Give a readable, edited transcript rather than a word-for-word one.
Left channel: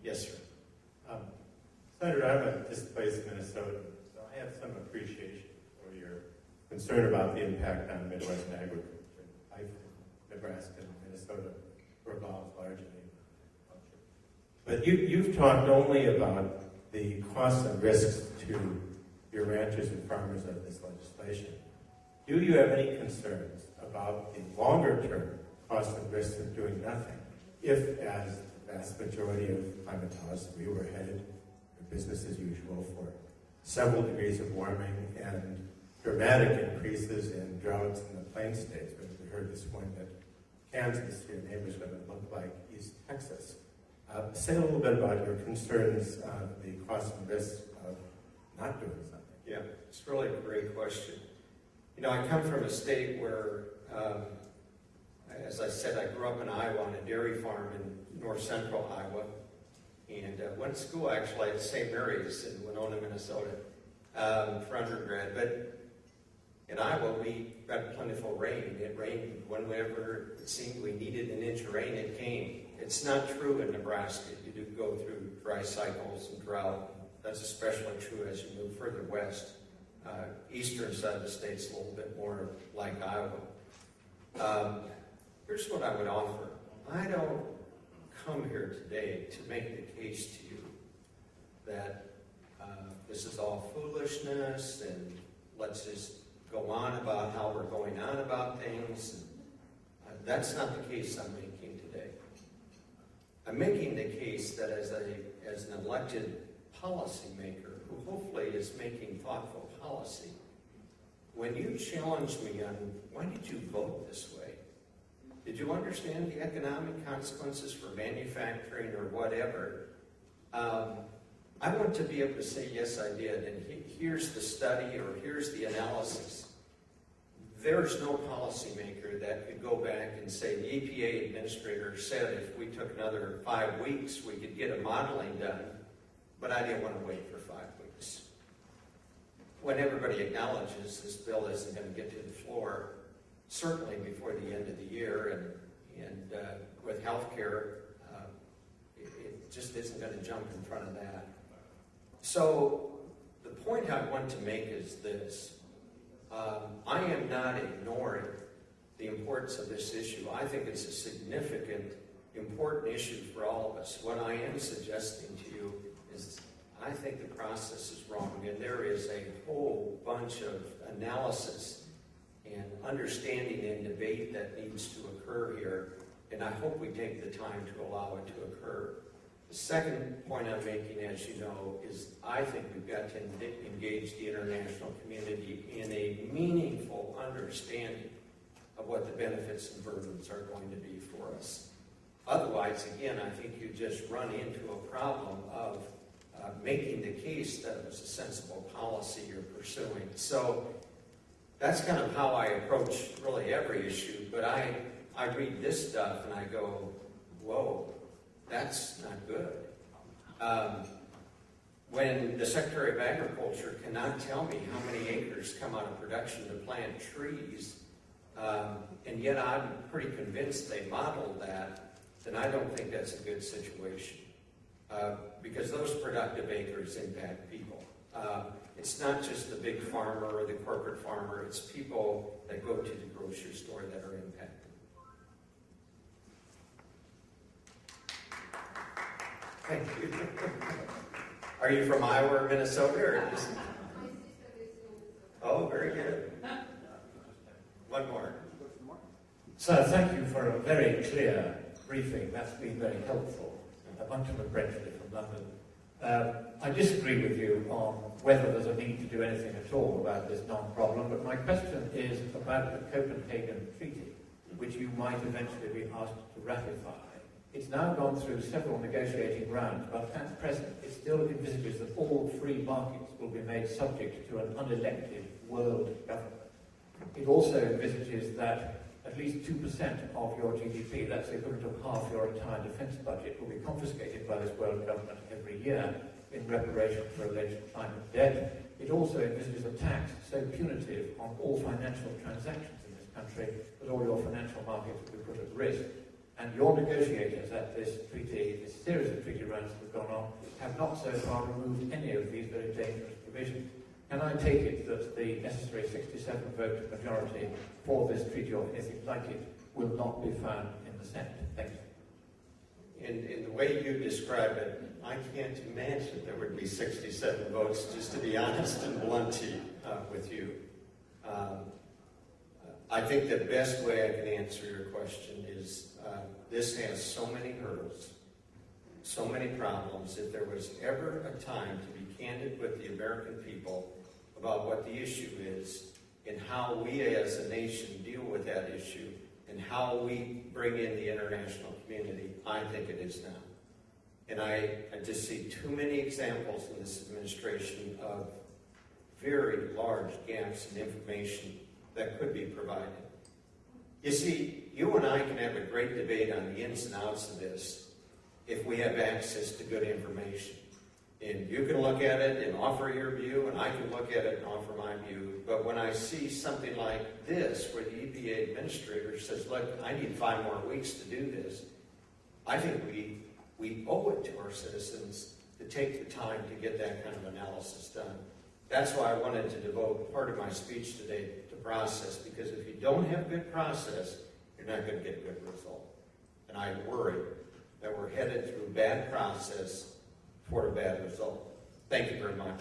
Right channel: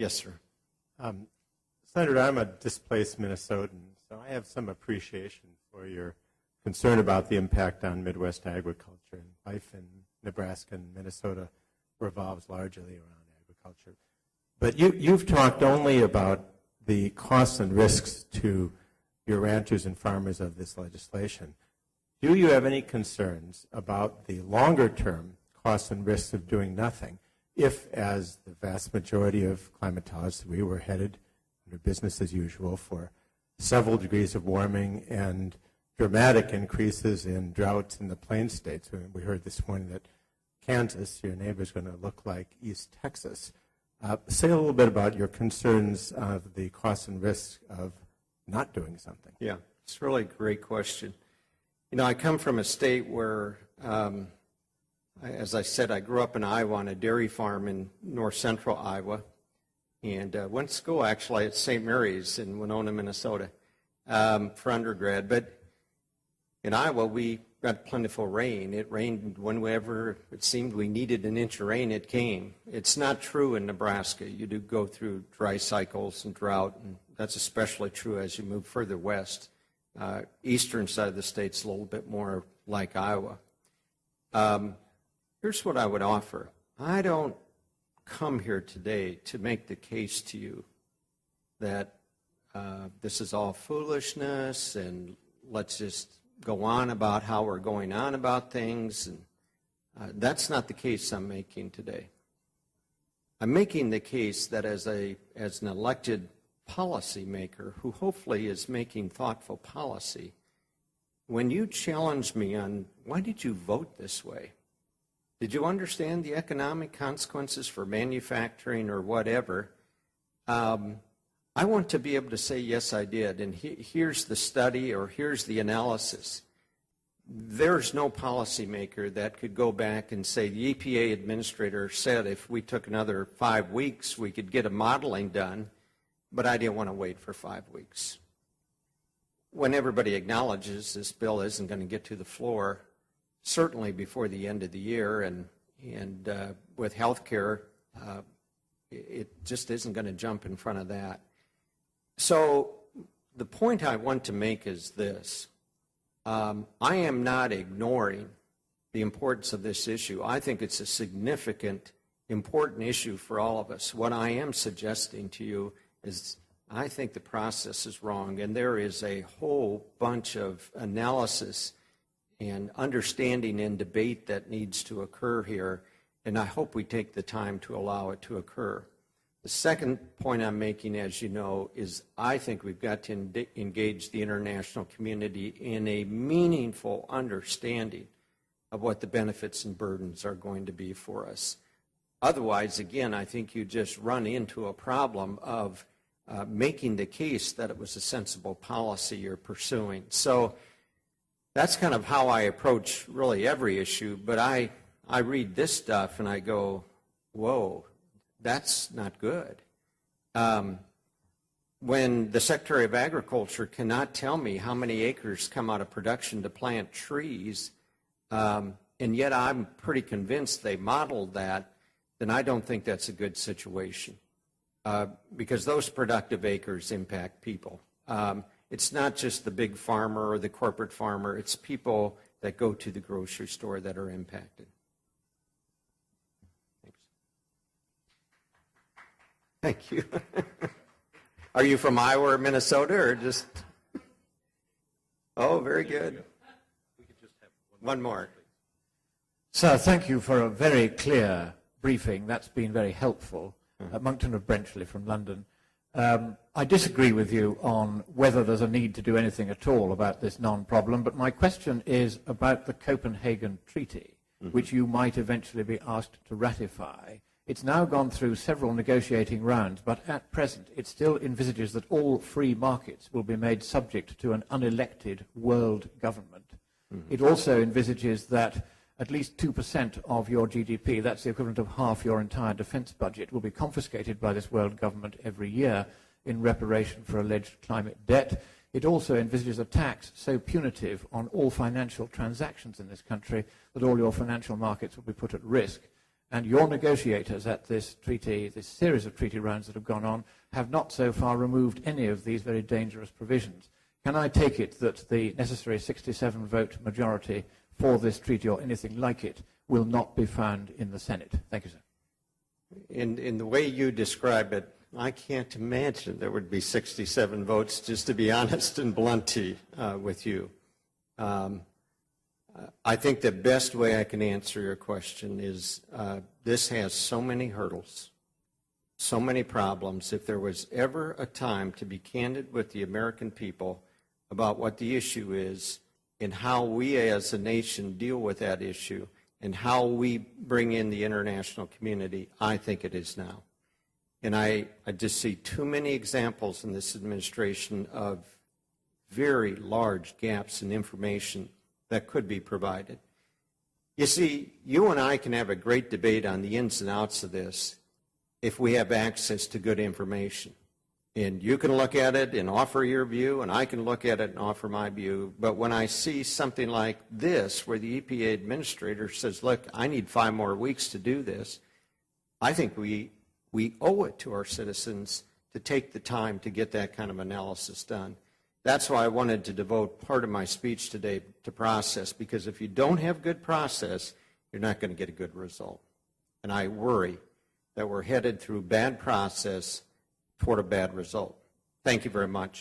Yes, sir. Senator, I'm a displaced Minnesotan, so I have some appreciation for your concern about the impact on Midwest agriculture. Life in Nebraska and Minnesota revolves largely around agriculture. But you've talked only about the costs and risks to your ranchers and farmers of this legislation. Do you have any concerns about the longer-term costs and risks of doing nothing if, as the vast majority of climatologists, we were headed to business as usual for several degrees of warming and dramatic increases in droughts in the plain states? We heard this morning that Kansas, your neighbor, is going to look like East Texas. Say a little bit about your concerns of the costs and risks of not doing something. Yeah, it's really a great question. You know, I come from a state where, as I said, I grew up in Iowa on a dairy farm in north central Iowa, and went to school actually at St. Mary's in Winona, Minnesota, for undergrad. But in Iowa, we got plentiful rain. It rained whenever it seemed we needed an inch of rain, it came. It's not true in Nebraska. You do go through dry cycles and drought, and that's especially true as you move further west. Eastern side of the state's a little bit more like Iowa. Here's what I would offer. I don't come here today to make the case to you that this is all foolishness and let's just go on about how we're going on about things. And, that's not the case I'm making today. I'm making the case that as an elected policymaker who hopefully is making thoughtful policy, when you challenge me on why did you vote this way? Did you understand the economic consequences for manufacturing or whatever? I want to be able to say, yes, I did, and here's the study or here's the analysis. There's no policymaker that could go back and say the EPA administrator said if we took another 5 weeks, we could get a modeling done, but I didn't want to wait for 5 weeks. When everybody acknowledges this bill isn't going to get to the floor, certainly before the end of the year, and with health care, it just isn't going to jump in front of that. So the point I want to make is this. I am not ignoring the importance of this issue. I think it's a significant, important issue for all of us. What I am suggesting to you is I think the process is wrong, and there is a whole bunch of analysis and understanding and debate that needs to occur here, and I hope we take the time to allow it to occur. The second point I'm making, as you know, is I think we've got to engage the international community in a meaningful understanding of what the benefits and burdens are going to be for us. Otherwise, again, I think you just run into a problem of making the case that it was a sensible policy you're pursuing. So that's kind of how I approach really every issue, but I read this stuff and I go, whoa, that's not good. When the Secretary of Agriculture cannot tell me how many acres come out of production to plant trees, and yet I'm pretty convinced they modeled that, then I don't think that's a good situation. Because those productive acres impact people. It's not just the big farmer or the corporate farmer, it's people that go to the grocery store that are impacted. Thank you. Are you from Iowa or Minnesota or just? Oh, very good. One more. Sir, thank you for a very clear briefing. That's been very helpful. Monkton of Brenchley from London. I disagree with you on whether there's a need to do anything at all about this non-problem, but my question is about the Copenhagen Treaty, which you might eventually be asked to ratify. It's now gone through several negotiating rounds, but at present it still envisages that all free markets will be made subject to an unelected world government. It also envisages that at least 2% of your GDP, that's the equivalent of half your entire defense budget, will be confiscated by this world government every year in reparation for alleged climate debt. It also envisages a tax so punitive on all financial transactions in this country that all your financial markets will be put at risk. And your negotiators at this treaty, this series of treaty rounds that have gone on, have not so far removed any of these very dangerous provisions. Can I take it that the necessary 67-vote majority for this treaty, or anything like it, will not be found in the Senate? Thank you, sir. In the way you describe it, I can't imagine there would be 67 votes, just to be honest and blunt with you. I think the best way I can answer your question is this has so many hurdles, so many problems. If there was ever a time to be candid with the American people about what the issue is and how we as a nation deal with that issue and how we bring in the international community, I think it is now. And I just see too many examples in this administration of very large gaps in information that could be provided. You see, you and I can have a great debate on the ins and outs of this if we have access to good information. And you can look at it and offer your view, and I can look at it and offer my view. But when I see something like this, where the EPA administrator says, look, I need 5 more weeks to do this, I think we owe it to our citizens to take the time to get that kind of analysis done. That's why I wanted to devote part of my speech today to process, because if you don't have good process, you're not going to get a good result. And I worry that we're headed through bad process toward a bad result. Thank you very much.